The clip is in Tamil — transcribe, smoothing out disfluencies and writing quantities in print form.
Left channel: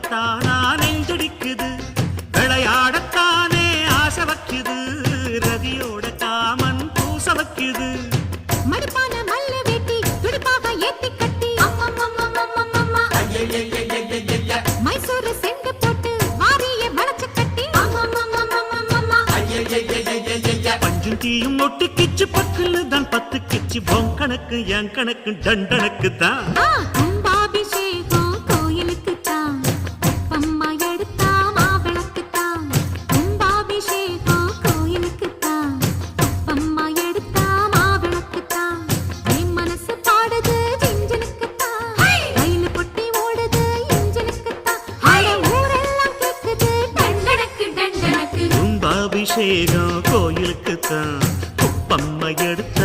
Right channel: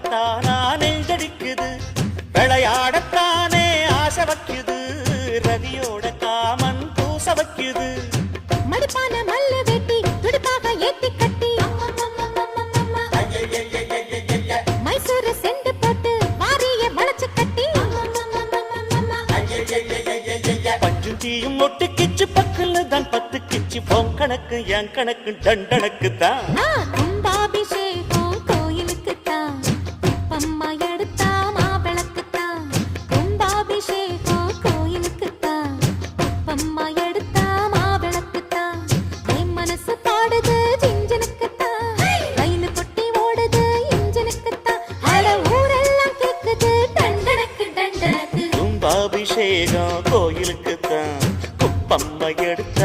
பார்க்கத்தானா நெஞ்சடிக்குது, விளையாடத்தானே ஆசை வைக்குது, ரதியோட காமன் பூச வைக்குது. மடிப்பான மல்ல வேட்டி துடுப்பாக ஏத்தி கட்டி மைசூரு செண்டு போட்டு மாறிய வளைச்சு கட்டி பஞ்சும் தீயும் ஒட்டுக்கிச்சு பக்கல தான் பத்து கிச்சு உன் கணக்கு என் கணக்கு தண்டனுக்கு தான். கும்பாபிஷேகம் கோயிலுக்கு தான், பம்மா எடுத்தா மாவிளக்கு தான். கும்பாபிஷேகம் கோயிலுக்கு தான், பம்மா எடுத்தா மாவிளக்கு தான். என் மனசு பாடுது ஜிஞ்சனுக்கு தான், ரயில் பொட்டி ஓடுது இன்ஜினுக்கு தான். அட ஊரெல்லாம் கேக்குது டண்டனக்கு டண்டனக்கு. கும்பாபிஷேகம் கோயிலுக்கு தான், குப்பம்மா எடுத்த